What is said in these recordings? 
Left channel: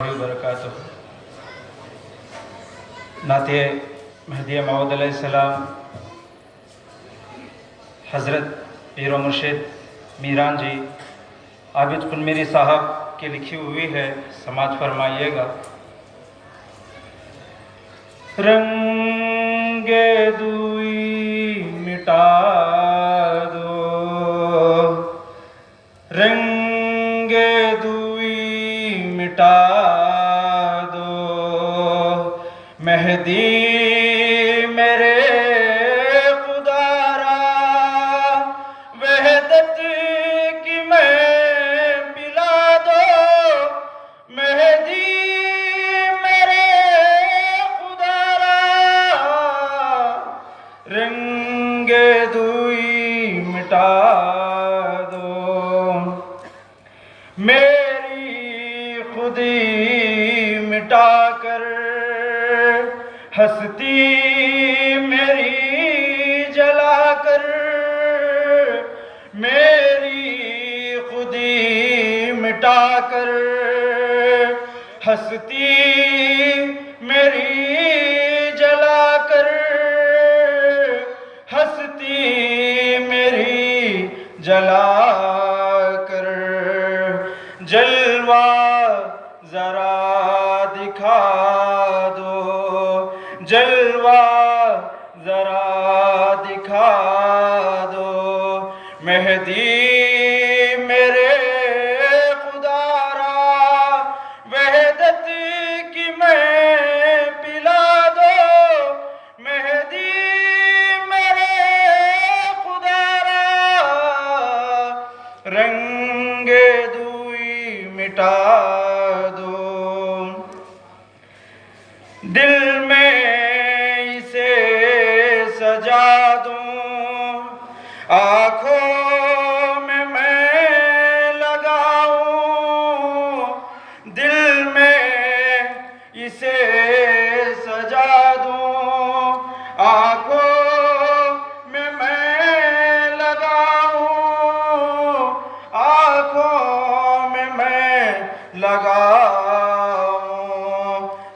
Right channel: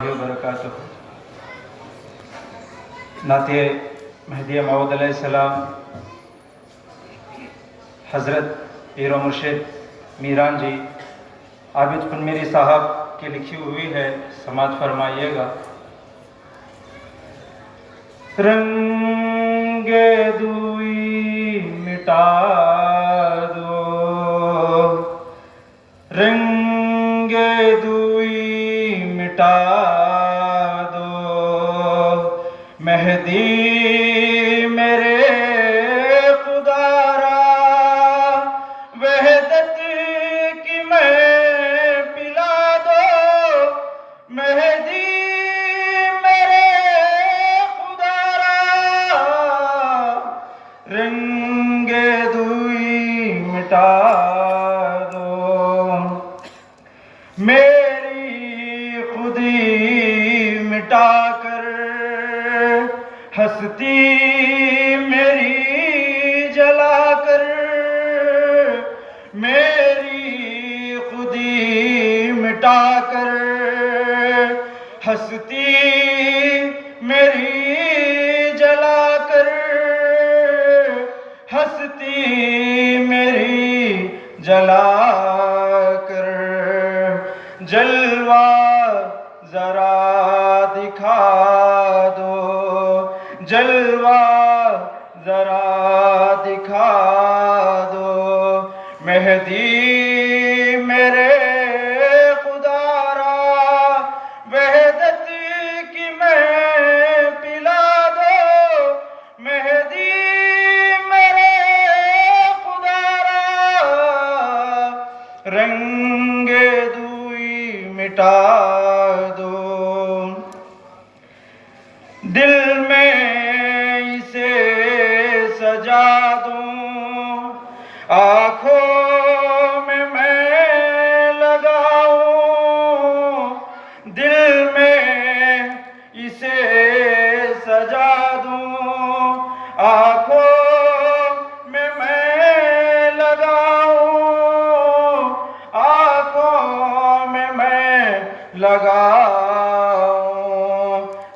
وبرکاتہ نعت مہدی موعود علیہ السلام حضرت پیر و مرشد میران جی عابد قنمیری صاحب کی لکھی ہوئی ہے، سماعت فرمائیے گا۔ رنگ دوئی مٹا دو، رنگ دوئی مٹا دو، مہدی میرے خدا را وحدت کی میں پلا دو، مہدی میرے خدا را رنگ دوئی مٹا دو، میری خودی مٹا کر ہستی میری جلا کر، میری خودی مٹا کر ہستی میری جلا کر، ہستی میری جلا کر، جلوہ ذرا دکھا دو، جلوہ ذرا دکھا دو، مہدی میرے خدا را وحدت کی میں پلا دو، مہدی میرے خدا را رنگ دوئی مٹا دو، دل میں اسے سجا دوں، آنکھوں میں لگاؤں، دل میں اسے سجا دوں، آنکھوں میں لگاؤں، آنکھوں میں لگاؤں،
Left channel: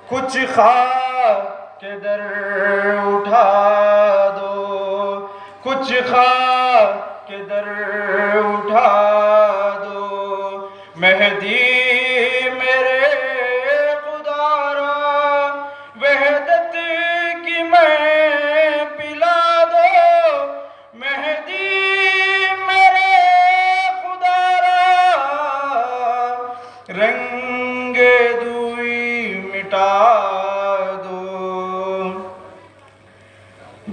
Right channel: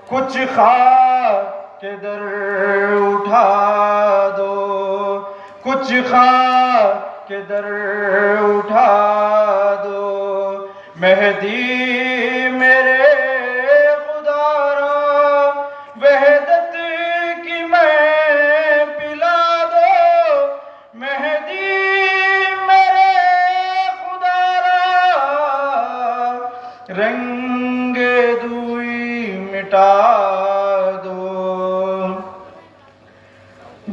کچھ خواہ کے در اٹھا دو، کچھ خواہ کے در اٹھا دو، مہدی میرے خدا را وحدت کی میں پلا دو، مہدی میرے خدا را رنگ دوئی مٹا دو،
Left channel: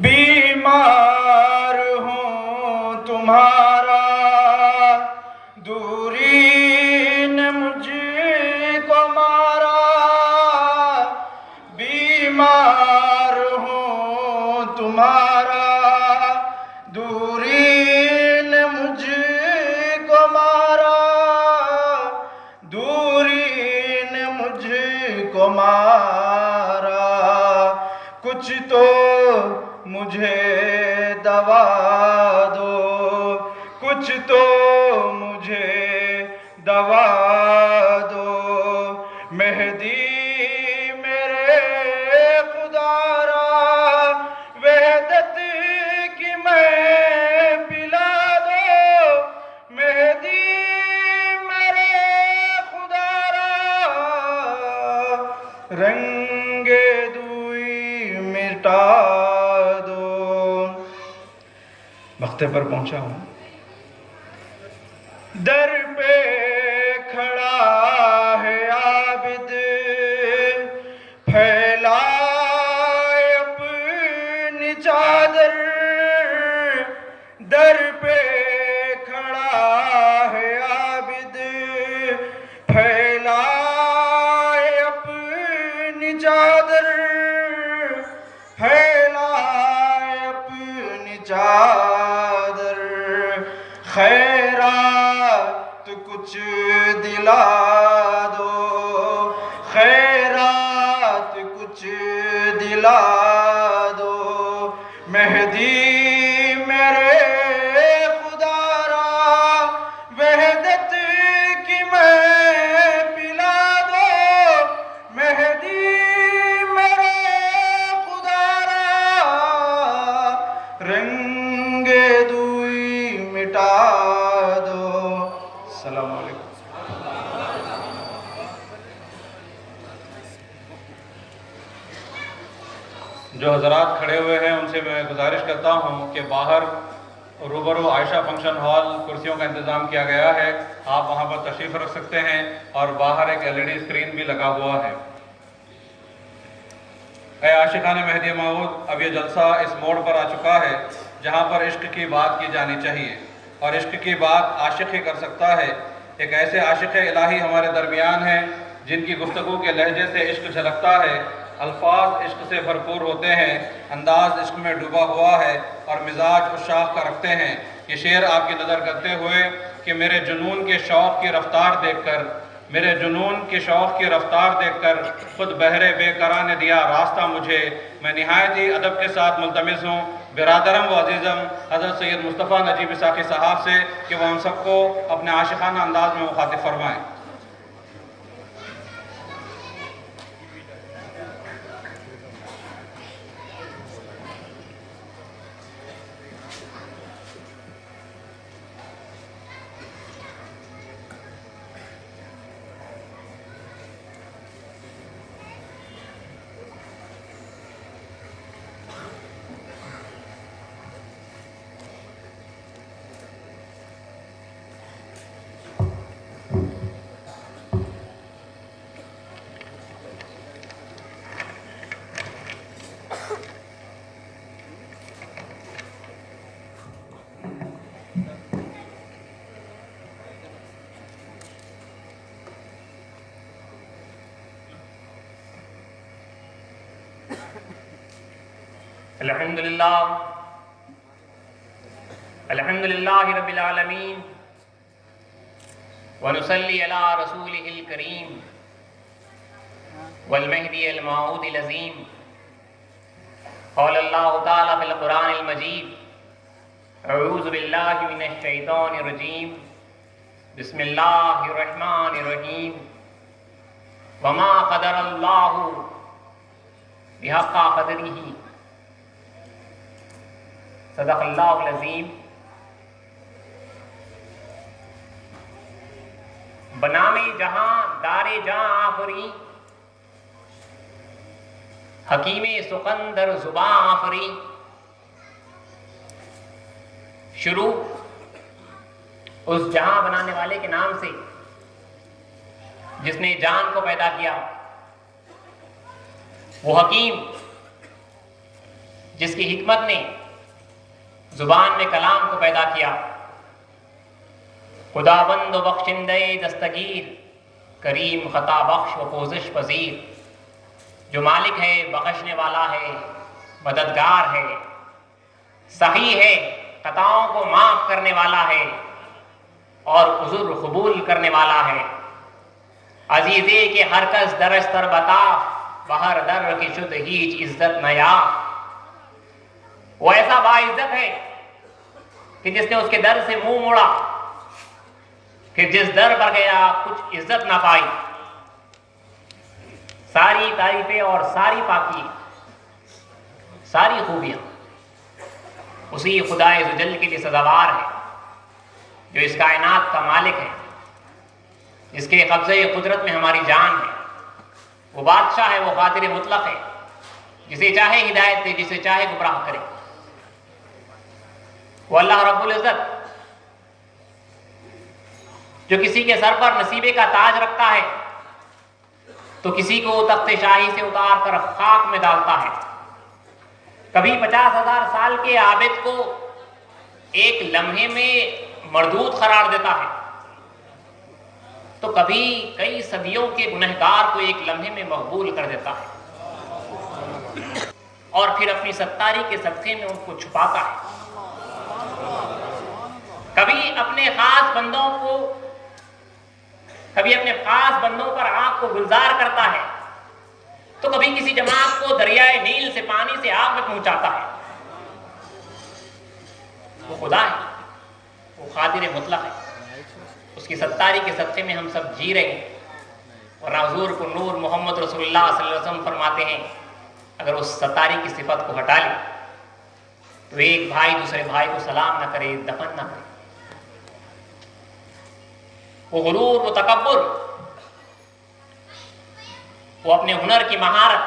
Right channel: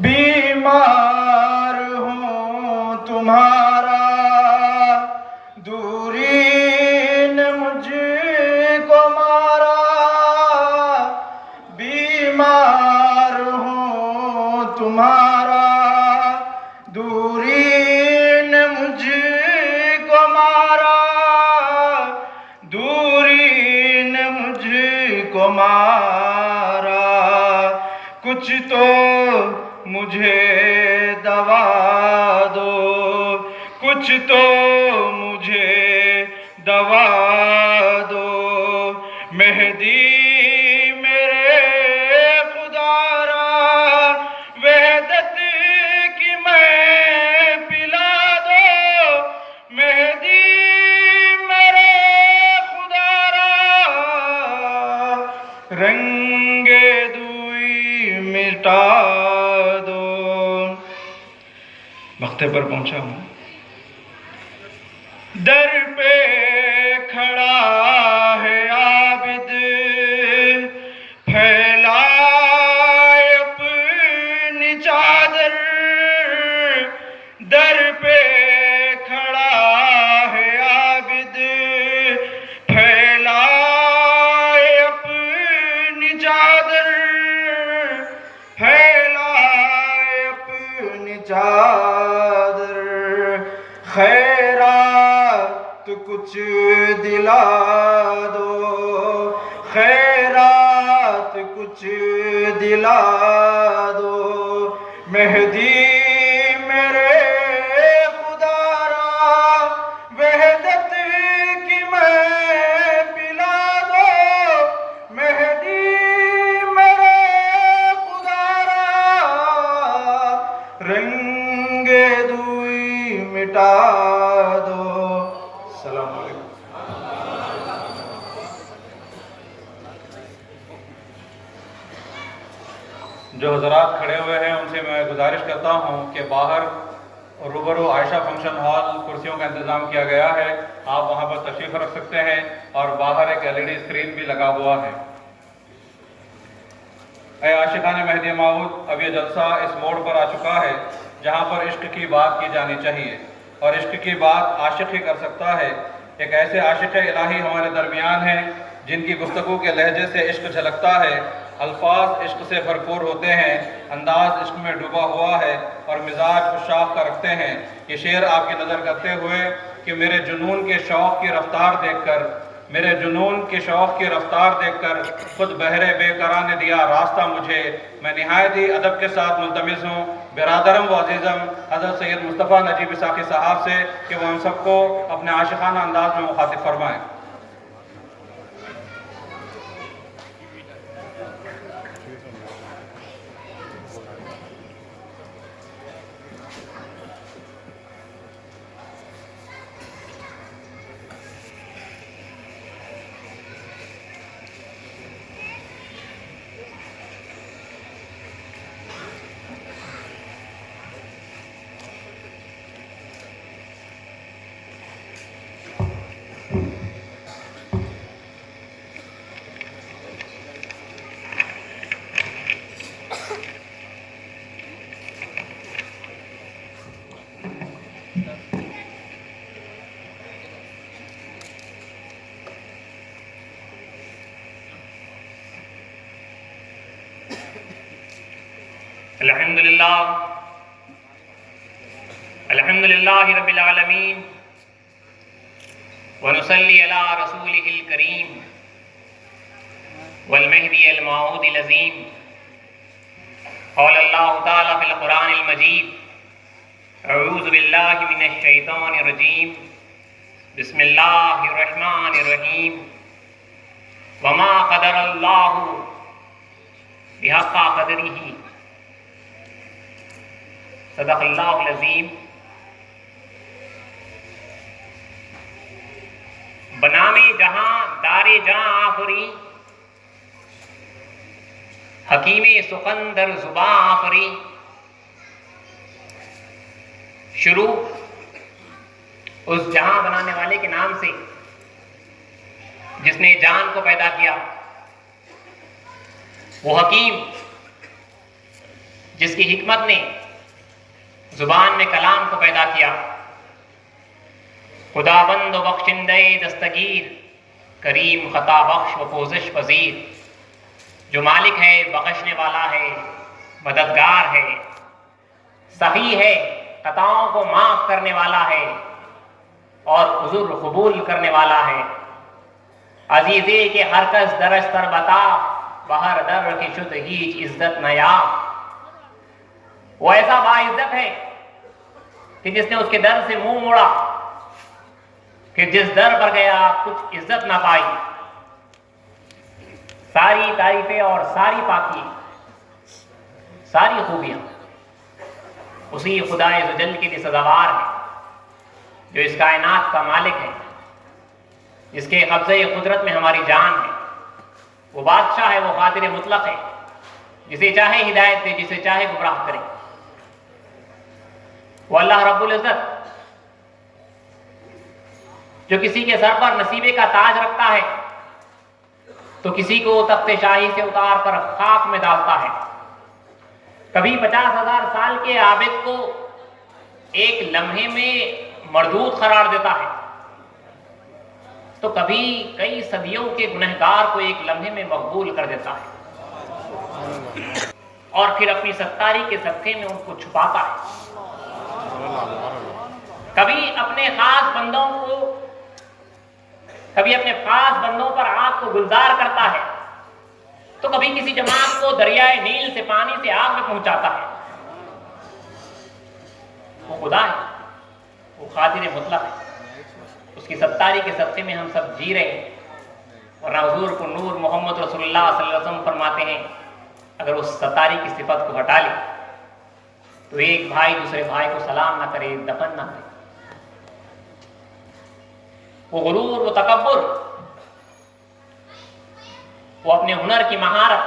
بیمار ہوں تمہارا دوری نے مجھ کو مارا، بیمار ہوں تمہارا دوری نے مجھ کو مارا، دوری نے مجھ کو مارا، کچھ تو مجھے دوا دو، کچھ تو مجھے دوا دو، مہدی میرے خدا را وحدت کی میں پلا دو، مہدی میرے خدا را رنگ دوئی مٹا دو۔ مقطع پر پہنچا ہوں۔ در پہ کھڑا ہے عابد پھیلائے اپنی چادر، در پہ کھڑا ہے عابد پھیلائے اپنی چادر، پھیلائے اپنی چادر، خیرات کچھ دلا دو، خیرات کچھ دلا دو، مہدی میرے خدا را وحدت کی میں پلا دو، جو حضرات کھڑے ہوئے ہیں ان سے میں گزارش کرتا ہوں کہ باہر روبرو عائشہ فنکشن ہال کرسیوں کا انتظام کیا گیا ہے، آپ وہاں پر تشریف رکھ سکتے ہیں، اور باہر ایک LED اسکرین بھی لگا ہوا ہے۔ اے عاشقان مہدی موعود، اب یہ جلسہ اس موڑ پر آ چکا ہے جہاں پر عشق کی بات کی جانی چاہیے، اور عشق کی بات عاشق ہی کر سکتا ہے۔ ایک ایسے عاشق الہی ہمارے درمیان ہیں جن کی گفتگو کے لہجے سے عشق جھلکتا ہے، الفاظ عشق سے بھرپور ہوتے ہیں، انداز عشق میں ڈوبا ہوا ہے، اور مزاج عشاق کا رکھتے ہیں۔ یہ شعر آپ کی نظر کرتے ہوئے کہ میرے جنون کے شوق کی رفتار دیکھ کر، میرے جنون کے شوق کی رفتار دیکھ کر خود بہرے بے قرار نے دیا راستہ مجھے، میں نہایت ہی ادب کے ساتھ ملتمس ہوں برادرم و عزیزم حضرت سید مصطفیٰ نجیب ساقی صاحب سے کہ وہ ہم سب کو اپنے عاشقانہ انداز میں مخاطب فرمائیں۔ الحمدللہ رب العالمین ونصلی علی رسولہ الکریم والمہدی الموعود العظیم۔ قال اللہ تعالی فی القرآن المجید اعوذ باللہ من الشیطان الرجیم بسم اللہ الرحمن الرحیم وما قدر اللہ بحق قدرہ صدق اللہ العظیم۔ بنام جہاں دار جہاں آفری، حکیم سخندر زباں آفری۔ شروع اس جہاں بنانے والے کے نام سے جس نے جان کو پیدا کیا، وہ حکیم جس کی حکمت نے زبان میں کلام کو پیدا کیا، خداوند و بخشندہ دستگیر، کریم خطا بخش و پوزش پذیر، جو مالک ہے بخشنے والا ہے مددگار ہے، سخی ہے خطاؤں کو معاف کرنے والا ہے اور عذر قبول کرنے والا ہے۔ عزیزے کہ ہر کس درش تر بتا، بہر در کی شد ہیچ عزت نیا۔ وہ ایسا باعزت ہے کہ جس نے اس کے در سے منہ موڑا، کہ جس در پر گیا کچھ عزت نہ پائی۔ ساری تعریفیں اور ساری پاکی، ساری خوبیاں اسی خدا عزوجل کے لیے سزاوار ہے، جو اس کائنات کا مالک ہے، جس کے قبضہ قدرت میں ہماری جان ہے۔ وہ بادشاہ ہے، وہ قادر مطلق ہے، جسے چاہے ہدایت دے، جسے چاہے گمراہ کرے۔ وہ اللہ رب العزت جو کسی کے سر پر نصیبے کا تاج رکھتا ہے تو کسی کو تخت شاہی سے اتار کر خاک میں ڈالتا ہے۔ کبھی 50,000 سال کے عابد کو ایک لمحے میں مردود قرار دیتا ہے، تو کبھی کئی صدیوں کے گنہگار کو ایک لمحے میں مقبول کر دیتا ہے، اور پھر اپنی ستاری کے صدقے میں ان کو چھپاتا ہے۔ کبھی اپنے خاص بندوں پر آگ کو گلزار کرتا ہے، تو کبھی کسی جماعت کو دریائے نیل سے پانی سے آگ میں پہنچاتا ہے۔ وہ خدا ہے، وہ قادر مطلق ہے، اس کی ستاری کے صدقے میں ہم سب جی رہے ہیں۔ اور حضور کو نور محمد رسول اللہ صلی اللہ علیہ وسلم فرماتے ہیں، اگر اس ستاری کی صفت کو ہٹا لے تو ایک بھائی دوسرے بھائی کو سلام نہ کرے، دفن نہ کرے۔ وہ غرور، وہ تکبر، وہ اپنے ہنر کی مہارت،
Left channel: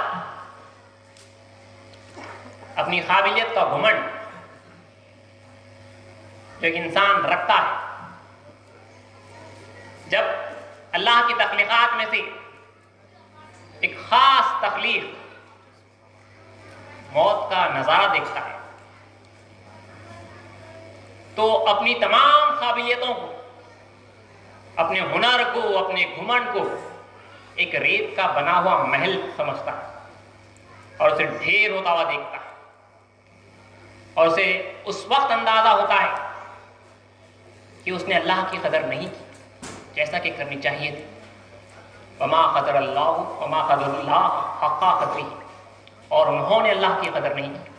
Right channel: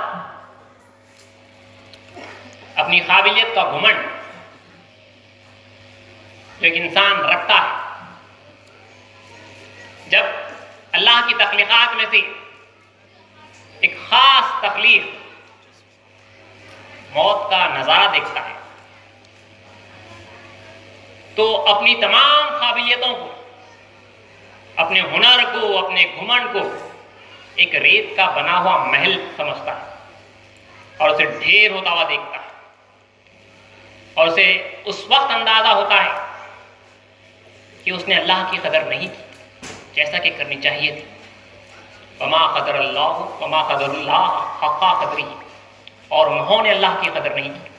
اپنی قابلیت کا گھمنڈ جو ایک انسان رکھتا ہے، جب اللہ کی تخلیقات میں سے ایک خاص تخلیق موت کا نظارہ دیکھتا ہے تو اپنی تمام قابلیتوں کو، اپنے ہنر کو، اپنے گھمنڈ کو ایک ریت کا بنا ہوا محل سمجھتا ہے اور اسے ڈھیر ہوتا ہوا دیکھتا ہے، اور اسے اس وقت اندازہ ہوتا ہے کہ اس نے اللہ کی قدر نہیں کی جیسا کہ کرنی چاہیے تھی۔ وما قدر اللہ وما قدر اللہ حق قدری، اور انہوں نے اللہ کی قدر نہیں کی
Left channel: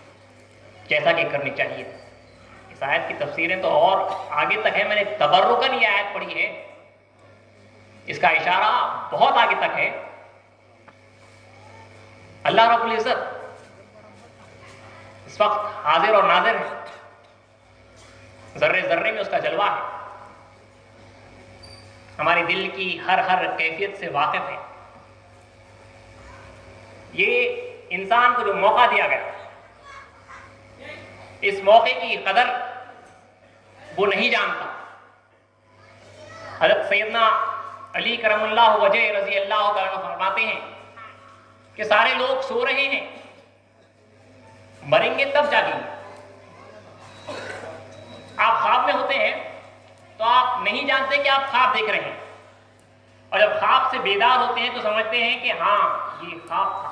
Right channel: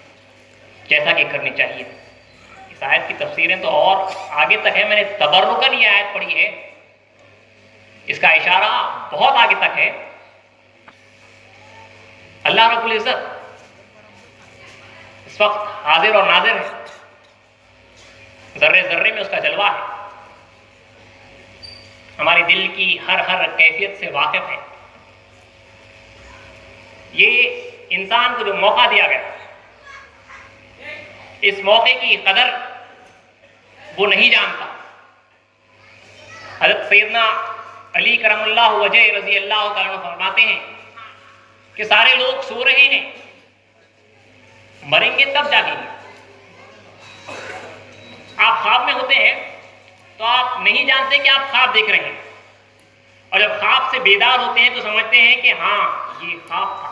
جیسا کہ کرنی چاہیے تھی۔ اس آیت کی تفسیریں تو اور آگے تک ہے، میں نے تبرکاً یہ آیت پڑھی ہے، اس کا اشارہ بہت آگے تک ہے۔ اللہ رب العزت اس وقت حاضر اور ناظر ہے، ذرے ذرے میں اس کا جلوہ ہے، ہمارے دل کی ہر کیفیت سے واقف ہے۔ یہ انسان کو جو موقع دیا گیا، اس موقع کی قدر وہ نہیں جانتا۔ حضرت سیدنا علی کرم اللہ وجہ رضی اللہ تعالیٰ فرماتے ہیں کہ سارے لوگ سو رہے ہیں، مریں گے تب جاگیں گے۔ آپ خواب میں ہوتے ہیں تو آپ نہیں جانتے کہ آپ خواب دیکھ رہے ہیں، اور جب خواب سے بیدار ہوتے ہیں تو سمجھتے ہیں کہ ہاں یہ خواب تھا۔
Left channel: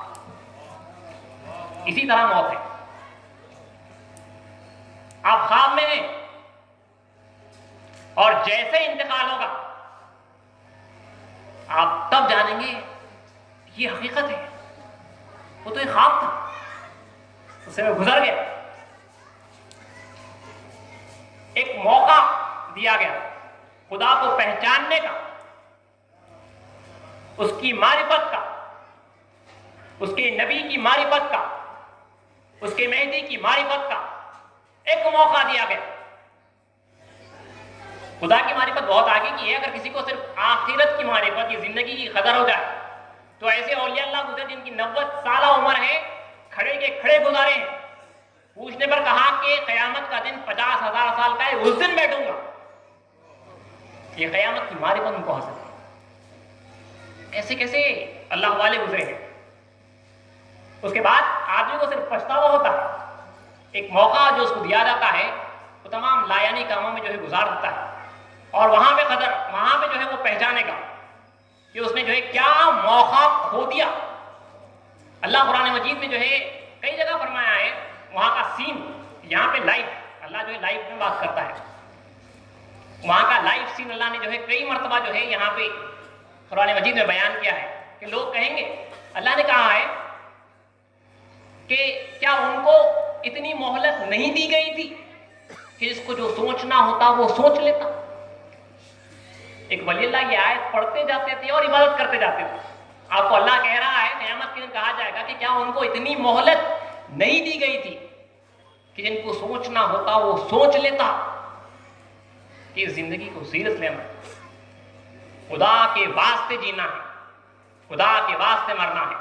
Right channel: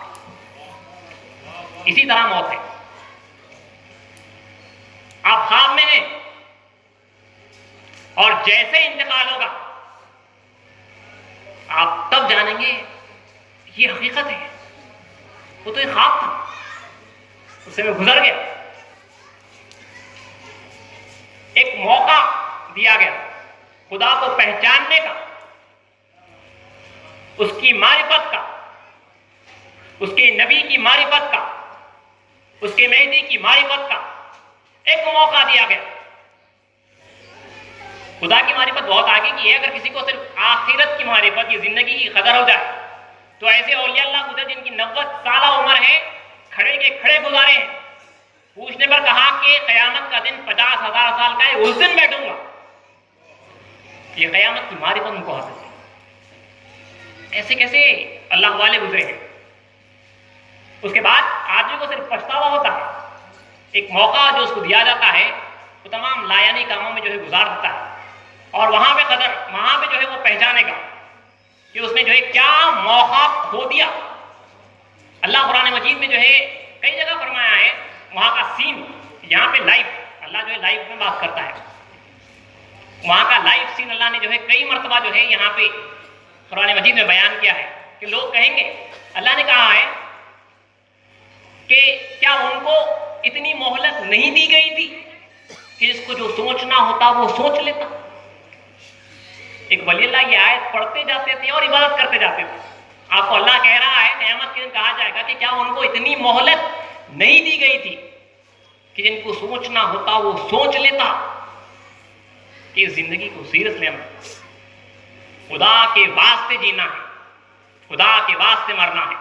اسی طرح موت ہے، آپ خواب میں ہیں اور جیسے انتقال ہوگا آپ تب جانیں گے یہ حقیقت ہے، وہ تو ایک خواب تھا، اس سے میں گزر گیا۔ ایک موقع دیا گیا خدا کو پہچاننے کا، اس کی معرفت کا، اس کے نبی کی معرفت کا، اس کے مہدی کی معرفت کا ایک موقع دیا گیا۔ خدا کی معرفت بہت آگے کی ہے، اگر کسی کو صرف آخرت کی معرفت، یہ زندگی کی قدر ہو جائے تو ایسے اولیاء اللہ گزرے جن کی 90 سالہ عمر ہے، کھڑے کے کھڑے گزارے ہیں، پوچھنے پر کہا کہ قیامت کا دن 50,000 سال کا ہے، اس دن بیٹھوں گا۔ یہ قیامت کی معرفت ان کو حاصل ہے۔ ایسے کیسے اللہ والے گزرے ہیں۔ اس کے بعد آدمی کو صرف پچھتاوا ہوتا ہے، ایک موقع جو اس کو دیا جاتا ہے وہ تمام لایانی کاموں میں جو ہے گزار دیتا ہے، اور وہاں پہ جو ہے وہ پہچانے گا کہ اس نے جو ہے کیا موقع کھو دیا۔ اللہ قرآن مجید میں جو ہے کئی جگہ فرمایا ہے، وہاں کا سین یہاں پہ لائف، اللہ جو ہے لائف میں بات کرتا ہے، وہاں کا لائف سین اللہ نے جو ہے کئی مرتبہ جو ہے یہاں پہ قرآن مجید میں بیان کیا ہے کہ لوگ کہیں گے، اللہ نے کہا ہے کہ کیا ان کو اتنی مہلت نہیں دی گئی تھی کہ اس کو جو سوچنا ہوتا وہ سوچ لیتا۔ ایک ولی اللہ یہ آیت پڑھتے جاتے تھے اور عبادت کرتے جاتے تھے۔ آپ کو اللہ کہہ رہا ہے قیامت کے دن کہا جائے گا کہ کیا ان کو اتنی مہلت نہیں دی گئی تھی کہ جن کو سوچنا ہوتا وہ سوچ لیتا کہ زندگی کو سیریس لینا، خدا کے واسطے جینا ہے، خدا کے واسطے مرنا ہے۔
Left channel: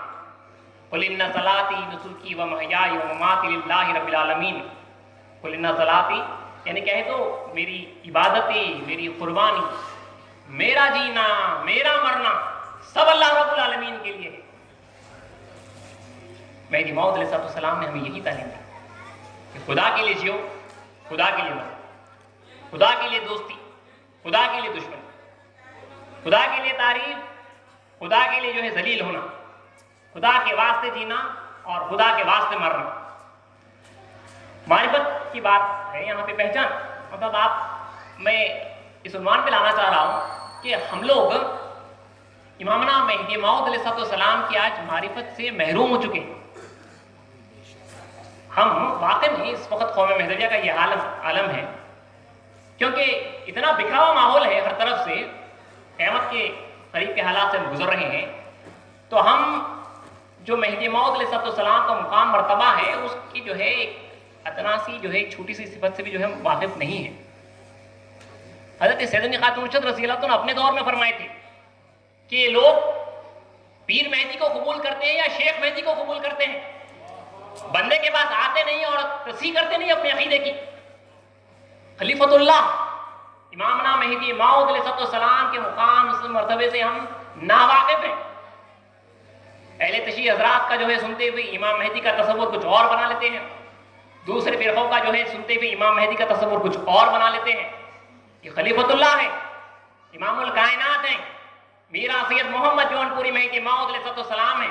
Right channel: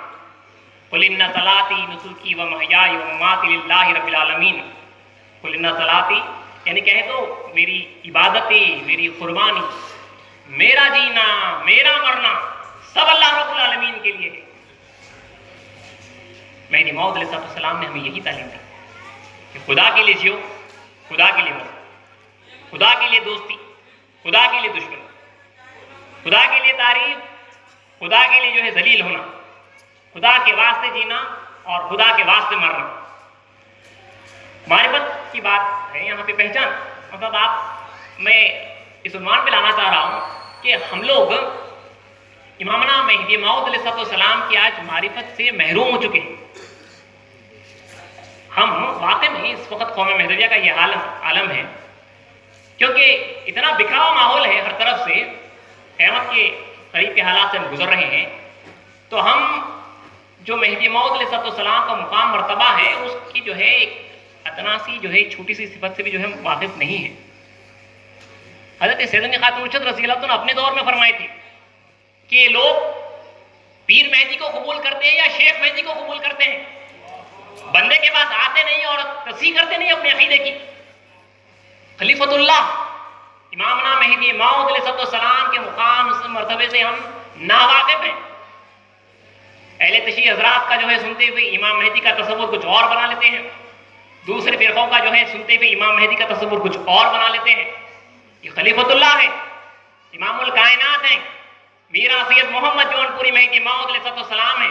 قل ان صلاتی نسکی و محیای و مماتی للہ رب العالمین، قل ان صلاتی یعنی کہہ دو میری عبادتیں، میری قربانی، میرا جینا، میرا مرنا سب اللہ رب العالمین کے لیے ہے۔ مہدی موعود علیہ السلام نے ہمیں یہی تعلیم دی کہ خدا کے لیے جیو، خدا کے لیے مرو، خدا کے لیے دوستی، خدا کے لیے دشمنی، خدا کے لیے تعریف، خدا کے لیے جو ہے ذلیل ہونا، خدا کے واسطے جینا اور خدا کے واسطے مرنا۔ معرفت کی بات ہے یہاں پہ، پہچان مطلب میں اس عنوان پہ لانا چاہ رہا ہوں کہ ہم لوگ امامنا مہدی موعود علیہ السلام کی آج معرفت سے محروم ہو چکے ہیں۔ ہم واقع میں اس وقت قوم مہدویہ کا یہ عالم ہے کیونکہ اتنا بکھرا ہوا ماحول ہے ہر طرف سے، قیامت کے قریب کے حالات سے ہم گزر رہے ہیں، تو ہم جو مہدی موعود علیہ السلام کا مقام مرتبہ ہے اس کی جو ہے ایک ادنا سی جو ہے چھوٹی سی صفت سے بھی جو ہے واقف نہیں ہے۔ حضرت سیدنا خاتون الرشد رضی اللہ عنہ نے اپنے دور میں فرمائی تھی کہ لوگ پیر مہدی کو قبول کرتے ہیں یا شیخ مہدی کو قبول کرتے ہیں۔ بندے کے پاس آتے نہیں اور تصحیح کرتے نہیں اپنے عقیدے کی. خلیفۃ اللہ امامنا مہدی موعود علیہ السلام کے مقام اس مرتبے سے ہم ناواقف ہیں. اہل تشیع حضرات کا جو ہے سنتے ہوئے امام مہدی کا تصور کچھ اور بنا لیتے ہیں. دوسرے فرقوں کا جو ہے سنتے ہوئے امام مہدی کا تصور کچھ اور بنا لیتے ہیں. یہ خلیفۃ اللہ ہے, امام الکائنات ہیں, میرا سید محمد جون پوری مہدی موعود علیہ السلام ہیں,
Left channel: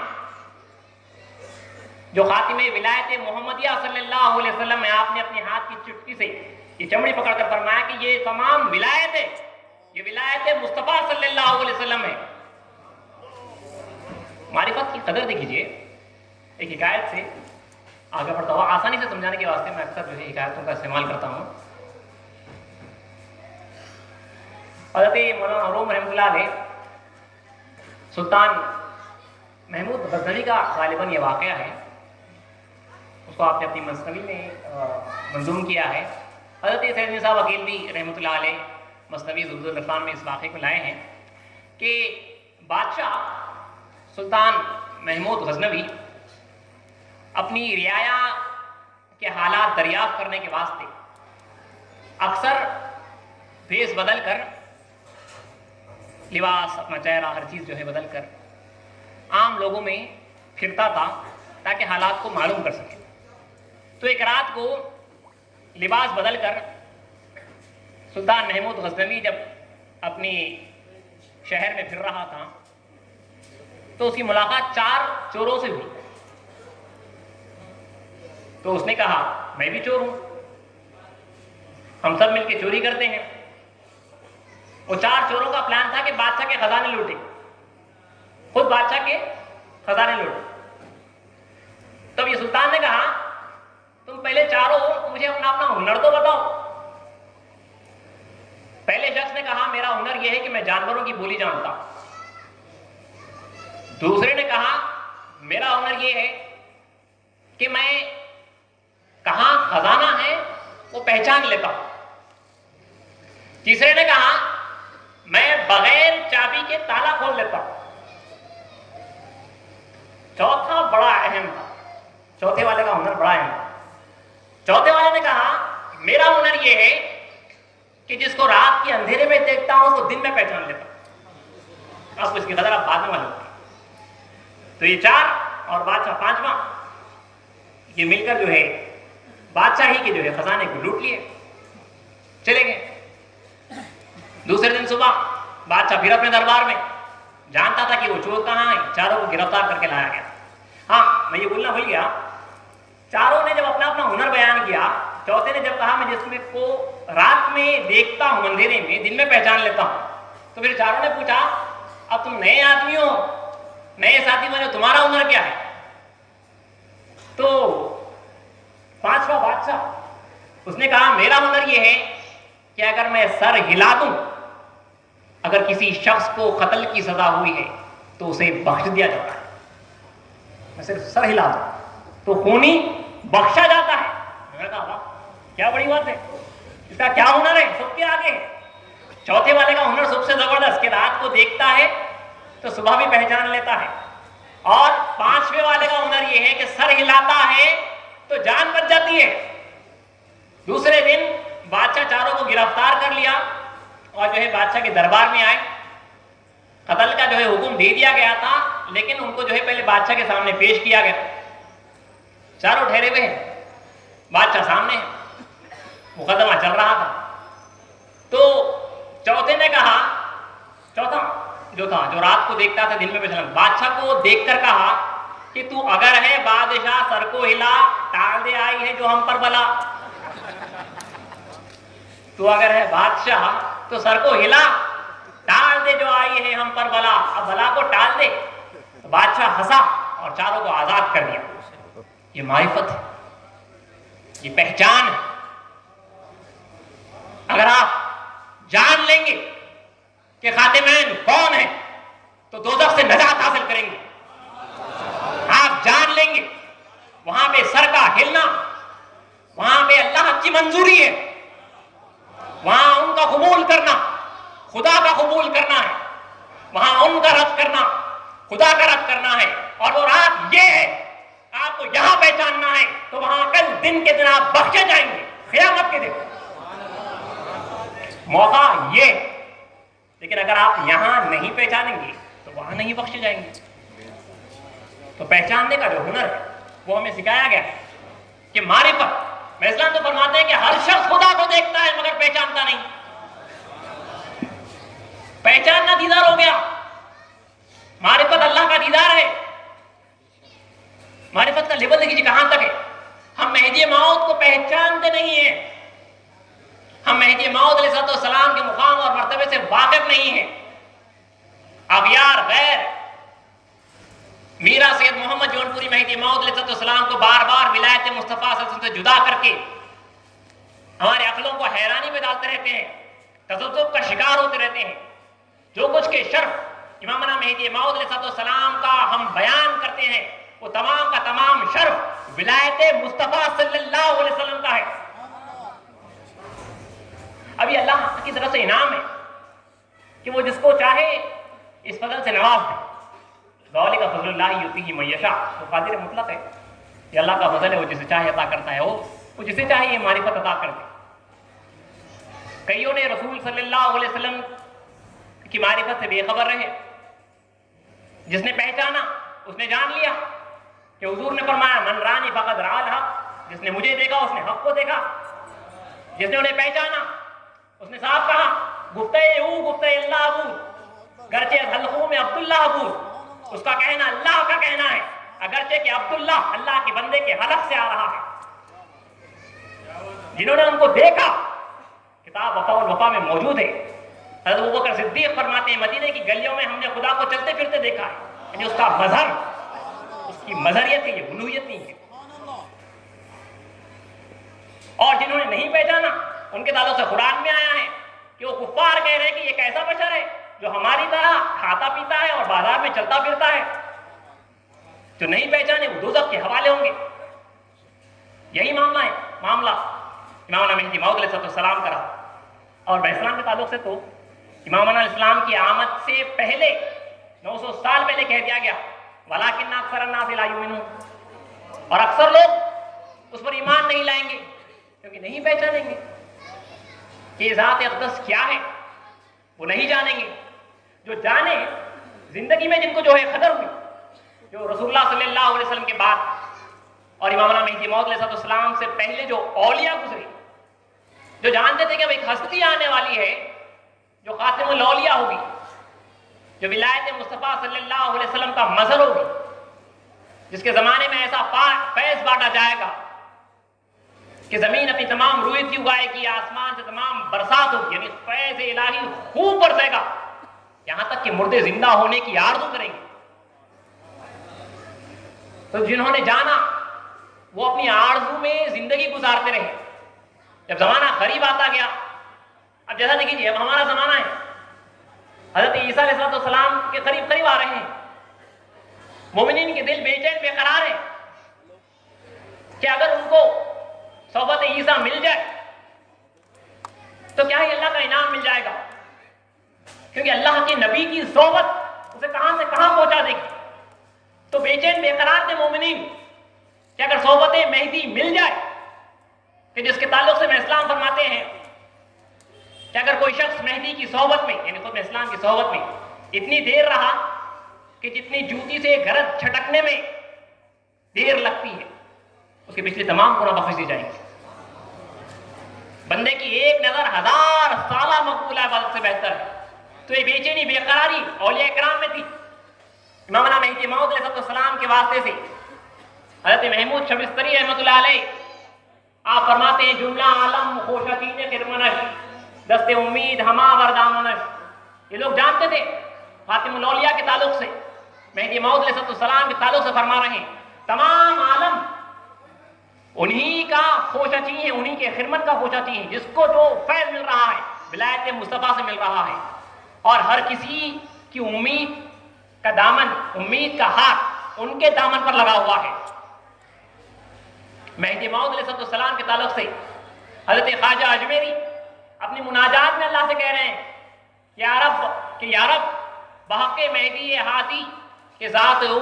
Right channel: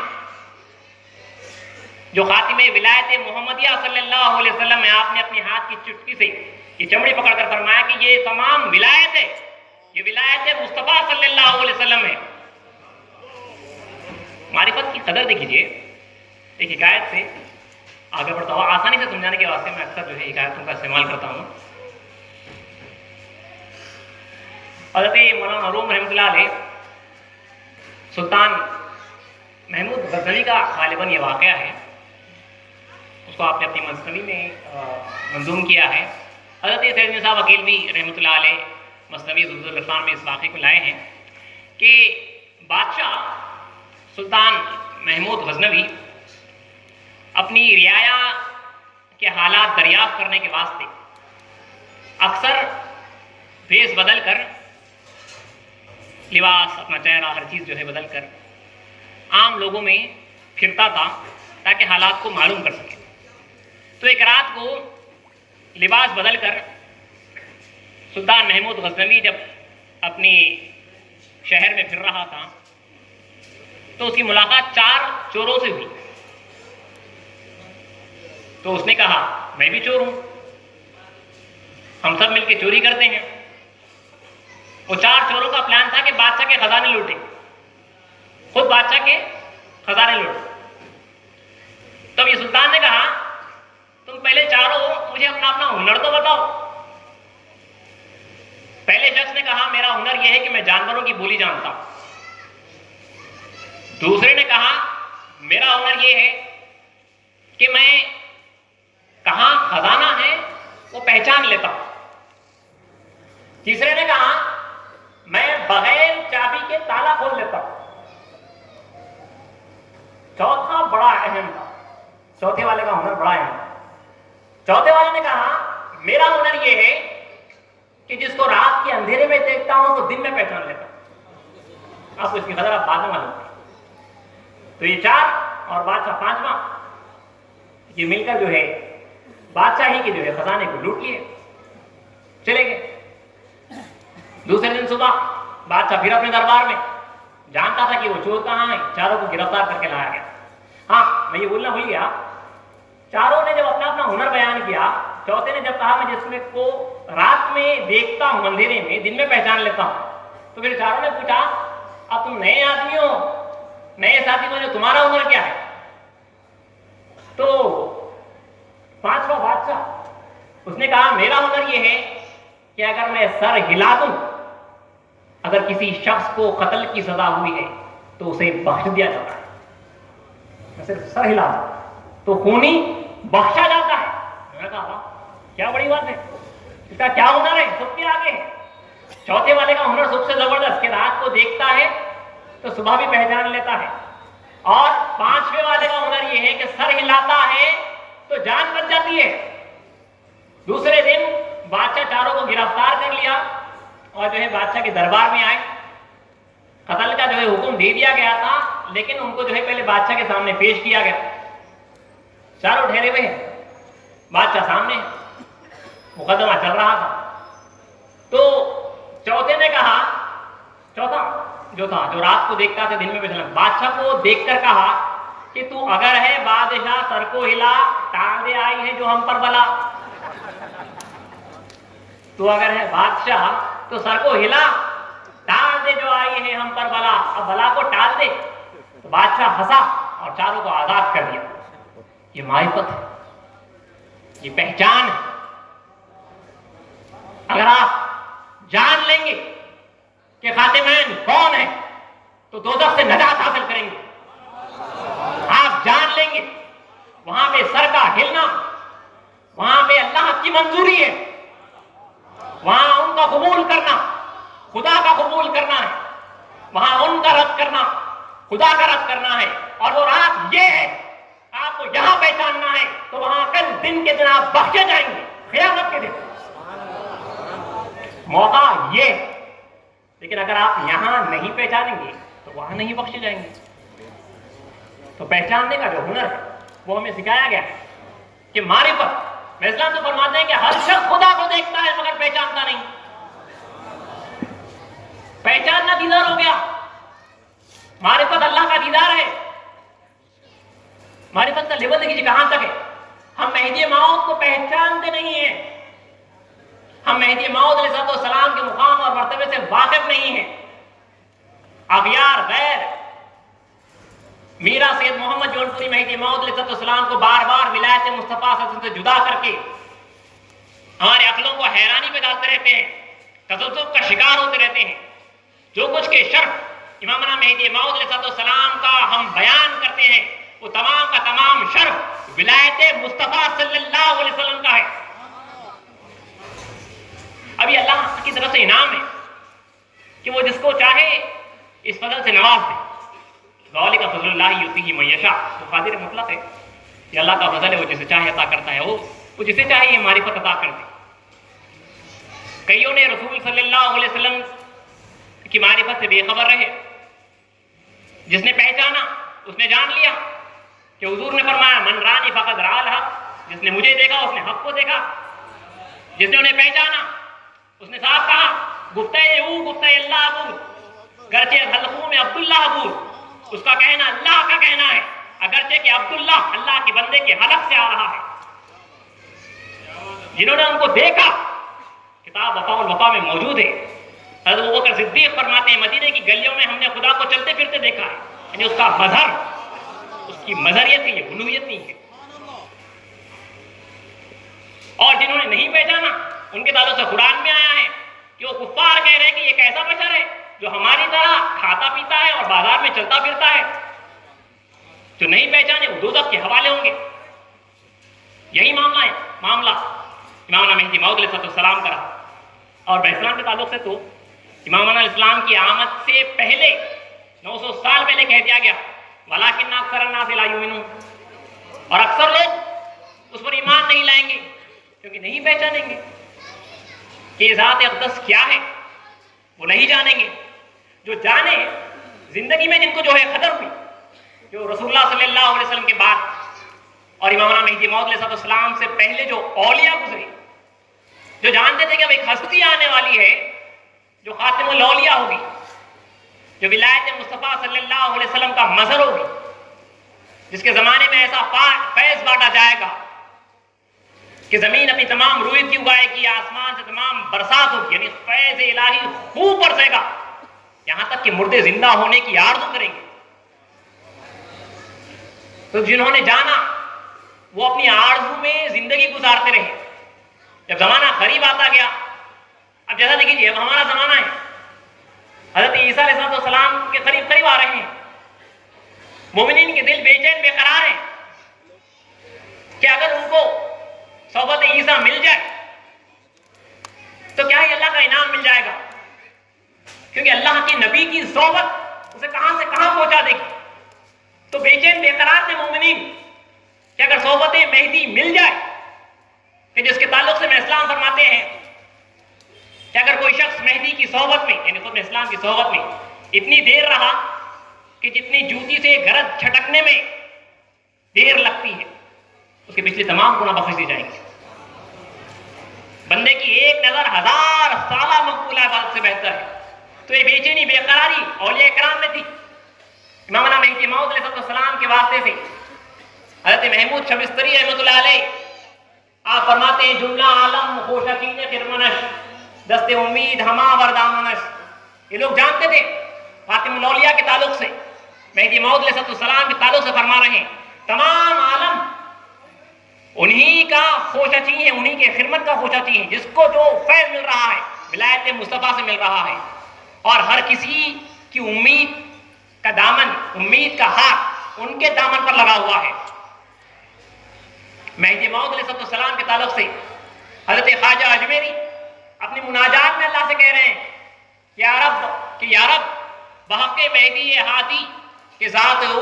جو خاتم ولایت محمدیہ صلی اللہ علیہ وسلم ہے. آپ نے اپنے ہاتھ کی چٹکی سے یہ چمڑی پکڑ کر فرمایا کہ یہ تمام ولایت ہے, یہ ولایت مصطفیٰ صلی اللہ علیہ وسلم ہے. معرفت کی قدر دیکھیے. ایک حکایت سے آگے بڑھتا ہوں, آسانی سے سمجھانے کے واسطے میں اکثر جو ہے حکایتوں کا استعمال کرتا ہوں. حضرت مولانا روم رحمۃ اللہ علیہ سلطان محمود غزنوی کا غالباً یہ واقعہ ہے, اس کو آپ نے اپنی مثنوی میں منظوم کیا ہے. حضرت سید مرزا وکیل بھی رحمۃ اللہ علیہ مثنوی ضد العرفان میں اس واقعے کو لائے ہیں کہ بادشاہ سلطان محمود غزنوی اپنی رعایا کے حالات دریافت کرنے کے واسطے اکثر بھیس بدل کر, لباس اپنا چہرہ ہر چیز جو ہے بدل کر عام لوگوں میں پھرتا تھا تاکہ حالات کو معلوم کر سکے. تو ایک رات کو لباس بدل کر سلطان محمود غزنوی جب اپنی شہر میں پھر رہا تھا تو اس کی ملاقات 4 چوروں سے ہوئی. تو اس نے کہا میں بھی چور ہوں, ہم سب مل کے چوری کرتے ہیں. وہ 4 چوروں کا پلان تھا کہ بادشاہ کے خزانے لوٹیں, خود بادشاہ کے خزانے لوٹیں. تب یہ سلطان نے کہا تم پہلے چاروں مجھے اپنا ہنر تو بتاؤ. پہلے شخص نے کہا میرا ہنر یہ ہے کہ میں جانوروں کی بولی جانتا ہوں. دوسرے نے کہا میرا ہنر یہ ہے کہ میں کہاں خزانہ ہے وہ پہچان لیتا ہوں. تیسرے نے کہا میں بغیر چابی کے تالا کھول لیتا ہوں. چوتھا بڑا اہم تھا, چوتھے والے کا ہنر بڑا اہم. چوتھے والے نے کہا میرا ہنر یہ ہے کہ جس کو رات کے اندھیرے میں دیکھتا ہوں اس کو دن میں پہچان لیتا ہوں. آپ کو اس کی قدر آپ بعد میں معلوم. تو یہ 4 اور بادشاہ 5واں یہ مل کر جو ہے بادشاہی کے جو ہے خزانے کو لوٹ لیے, چلے گئے. دوسرے دن صبح بادشاہ پھر اپنے دربار میں, جانتا تھا کہ وہ چور کہاں ہیں, چاروں کو گرفتار کر کے لایا گیا. ہاں میں یہ بولنا بھول گیا, چاروں نے جب اپنا ہنر بیان کیا, چوتھے نے جب کہا میں جس میں کو رات میں دیکھتا ہوں اندھیرے میں دن میں پہچان لیتا ہوں, تو پھر چاروں نے پوچھا اب تم نئے آدمی ہو, نئے ساتھی میں تمہارا ہنر کیا ہے؟ تو 5واں بادشاہ اس نے کہا میرا ہنر یہ ہے کہ اگر میں سر ہلا دوں, اگر کسی شخص کو قتل کی سزا ہوئی ہے تو اسے بخش دیا جاتا ہے. میں صرف سر ہلا دوں تو خونی بخشا جاتا ہے. میں نے کہا کیا بڑی بات ہے, اس کا کیا ہنر ہے, سب کے آگے ہے. چوتھے والے کا ہنر سب سے زبردست کہ رات کو دیکھتا ہے تو صبح بھی پہچان لیتا ہے, اور 5ویں والے کا ہنر یہ ہے کہ سر ہلاتا ہے تو جان بچ جاتی ہے. دوسرے دن بادشاہ چاروں کو گرفتار کر لیا اور جو ہے بادشاہ کے دربار میں آئے. قتل کا جو ہے حکم دے دیا گیا تھا, لیکن ان کو جو ہے پہلے بادشاہ کے سامنے پیش کیا گیا. چاروں ٹھہرے ہوئے ہیں, بادشاہ سامنے ہے, مقدمہ چل رہا تھا. تو چوتھے نے کہا, چوتھا جو تھا جو رات کو دیکھتا تھا دن میں پہچان, بادشاہ کو دیکھ کر کہا کہ تو اگر ہے بادشاہ سر کو ہلا, ٹال دے آئی ہے جو ہم پر بلا. تو اگر ہے بادشاہ تو سر کو ہلا, ٹال دے جو آئی ہے ہم پر بلا, اب بلا کو ٹال دے. تو بادشاہ ہنسا اور چاروں کو آزاد کر دیا. یہ معرفت ہے, یہ پہچان ہے. اگر آپ جان لیں گے کہ خاتمین کون ہے تو دوزخ سے نجات حاصل کریں گے. آپ جان لیں گے وہاں پہ سر کا ہلنا, وہاں پہ اللہ کی منظوری ہے, وہاں ان کا قبول کرنا خدا کا قبول کرنا ہے, وہاں ان کا رد کرنا خدا کا رد کرنا ہے. اور وہ رات یہ ہے, آپ کو یہاں پہچاننا ہے تو وہاں کل دن کے دن آپ بخشے جائیں گے، قیامت کے دن موقع یہ ہے۔ لیکن اگر آپ یہاں نہیں پہچانیں گے تو وہاں نہیں بخشے جائیں گے۔ تو پہچاننے کا جو ہنر ہے وہ ہمیں سکھایا گیا ہے کہ معرفت، میں اسلام تو فرماتے ہیں کہ ہر شخص خدا کو دیکھتا ہے مگر پہچانتا نہیں۔ پہچاننا دیدار ہو گیا، معرفت اللہ کا دیدار ہے۔ معرفت کا لیول دیکھیے کہاں تک ہے۔ ہم مہدی موعود کو پہچانتے نہیں ہیں، ہم مہدی موعود علیہ السلام کے مقام اور مرتبے سے واقف نہیں ہیں۔ اغیار غیر میرا سید محمد جون پوری مہدی موعود علیہ السلام کو بار بار ولایت مصطفیٰ صلی اللہ علیہ وسلم سے جدا کر کے ہمارے عقلوں کو حیرانی میں ڈالتے رہتے ہیں، تذبذب کا شکار ہوتے رہتے ہیں۔ جو کچھ کے شرف امامنا مہدی موعود علیہ السلام کا ہم بیان کرتے ہیں وہ تمام کا تمام شرف ولایت مصطفیٰ صلی اللہ علیہ وسلم کا ہے۔ ابھی اللہ کی طرف سے انعام ہے کہ وہ جس کو چاہے اس فضل سے نواز دے۔ ذالک فضل اللہ یؤتیہ من یشاء، وہ قادر مطلق ہے، یہ اللہ کا فضل ہے، وہ جسے چاہے عطا کرتا ہے، وہ جسے چاہے یہ معرفت عطا کر دے۔ کئیوں نے رسول صلی اللہ علیہ وسلم کی معرفت سے بے خبر رہے، جس نے پہچانا اس نے جان لیا کہ حضور نے فرمایا من رانی فقد رأى الحق، جس نے مجھے دیکھا اس نے حق کو دیکھا۔ جس نے انہیں پہچانا اس نے صاحب کہا گفتہ او گفتہ اللہ ابو، گرچہ حلقوں میں عبداللہ ابو، اس کا کہنا اللہ کا کہنا ہے، اگرچہ کہ عبداللہ اللہ کے بندے کے حلق سے آ رہا ہے۔ جنہوں نے ان کو دیکھا، کتاب وفا الوفا میں موجود ہے، حضرت ابوبکر صدیق فرماتے ہیں مدینے کی گلیوں میں ہم نے خدا کو چلتے پھرتے دیکھا ہے، یعنی اس کا مظہر، اس کی مظہریت ہے، یہ الوہیت نہیں ہے۔ اور جنہوں نے نہیں پہچانا ان کے تعلق سے قرآن میں آیا ہے کہ وہ کفار کہہ رہے ہیں کہ یہ کیسا بشر ہے جو ہماری طرح کھاتا پیتا ہے اور بازار میں چلتا پھرتا ہے۔ جو نہیں پہچانے وہ دوزخ کے حوالے ہوں گے۔ یہی معاملہ ہے، معاملہ امام مہدی موعود علیہ السلام کا رہا۔ اور اسلام کے تعلق سے تو امام علیہ السلام کی آمد سے پہلے 900 سال پہلے کہہ دیا گیا وَلَٰكِنَّ أَكْثَرَ النَّاسِ لَا يُؤْمِنُونَ، اور اکثر لوگ اس پر ایمان نہیں لائیں گے کیونکہ نہیں پہچانیں گے کہ ذات اقدس کیا ہے، وہ نہیں جانیں گے۔ جو جانے زندگی میں جن کو جو ہے قدر ہوئی، جو رسول اللہ صلی اللہ علیہ وسلم کے بعد اور امام مہدی موعود علیہ السلام سے پہلے جو اولیاء گزرے، جو جانتے تھے کہ اب ایک ہستی آنے والی ہے جو خاتم الاولیاء ہوگی، جو ولایت مصطفیٰ صلی اللہ علیہ وسلم کا مظہر ہوگی، جس کے زمانے میں ایسا فیض بانٹا جائے گا کہ زمین اپنی تمام رویت کی اگائے گی، آسمان سے تمام برسات ہوگی، یعنی فیض الہی خوب برسے گا، یہاں تک کہ مردے زندہ ہونے کی آرزو کریں گے۔ تو جنہوں نے جانا وہ اپنی آرزو میں زندگی گزارتے رہے۔ جب زمانہ قریب آتا گیا، اب جیسا دیکھیے اب ہمارا زمانہ ہے، حضرت عیسیٰ علیہ السلام کے قریب قریب آ رہے ہیں، مومنین کے دل بے چین بے قرار ہیں کہ اگر ان کو صحبت عیسیٰ مل جائے تو کیا ہی اللہ کا انعام مل جائے گا، کیونکہ اللہ کے نبی کی صحبت اسے کہاں سے کہاں پہنچا دے گی۔ تو بے چین بے قرار تھے مومنین کہ اگر صحبت مہدی مل جائے، کہ جس کے تعلق سے میں اسلام فرماتے ہیں کہ اگر کوئی شخص مہدی کی صحبت میں یعنی خود اسلام کی صحبت میں اتنی دیر رہا کہ جتنی جوتی سے گرد چھٹکنے میں دیر لگتی ہے، اس کے پچھلے تمام گناہ بخش دی جائیں گے۔ بندے کی ایک نظر 1000 سالہ مقبولہ عبادت سے بہتر ہے۔ تو یہ بے چینی بے قراری اولیاء کرام میں تھی۔ امامنا مہدی موعود علیہ السلام کے واسطے سے حضرت محمود شبستری رحمۃ اللہ علیہ آپ فرماتے ہیں جملہ عالم خوشتین خرمنش دست امید ہما وردامنش، یہ لوگ جانتے تھے خاتم الاولیاء کے تعلق سے، مہدی موعود علیہ السلام کے تعلق سے فرما رہے ہیں تمام عالم انہی کا خوشچی ہے، انہی کے خدمت کا خوشچی ہے، جس کو جو فیض مل رہا ہے ولایت مصطفیٰ سے مل رہا ہے، اور ہر کسی کی امید کا دامن، امید کا ہاتھ ان کے دامن پر لگا ہوا ہے۔ مہدی موعود علیہ السلام کے تعلق سے حضرت خواجہ اجمیری اپنی مناجات میں اللہ سے کہہ رہے ہیں یا رب بحق مہدی ہادی کہ ذات ہو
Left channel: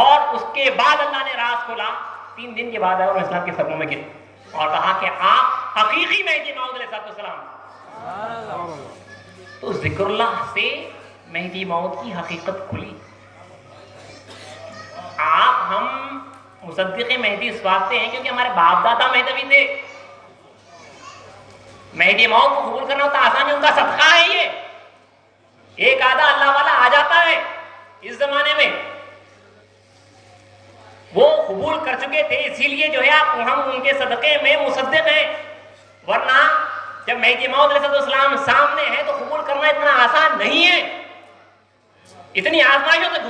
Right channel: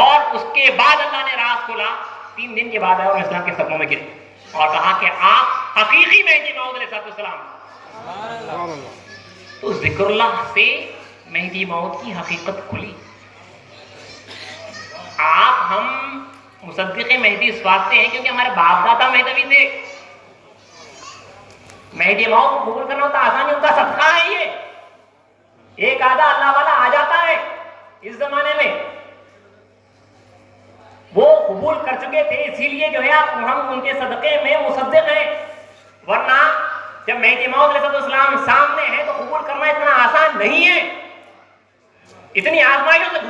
اور اس کے بعد اللہ نے راز کھولا، 3 دن کے بعد آئے اور اسلام کے صدموں میں گرے اور کہا کہ آپ حقیقی مہدی موعود علیہ السلام۔ تو ذکر اللہ سے مہدی موعود کی حقیقت کھلی۔ آپ ہم مصدق مہدی اس واسطے ہیں کیونکہ ہمارے باپ دادا مہدوی تھے۔ مہدی موعود کو قبول کرنا ہوتا آسان ہے، ان کا صدقہ ہے یہ۔ ایک آدھا اللہ والا آ جاتا ہے اس زمانے میں، وہ قبول کر چکے تھے، اسی لیے جو ہے ہم ان کے صدقے میں مصدق ہیں، ورنہ جب مہدی موعود علیہ السلام سامنے ہے تو قبول کرنا اتنا آسان نہیں ہے، اتنی آزمائشوں سے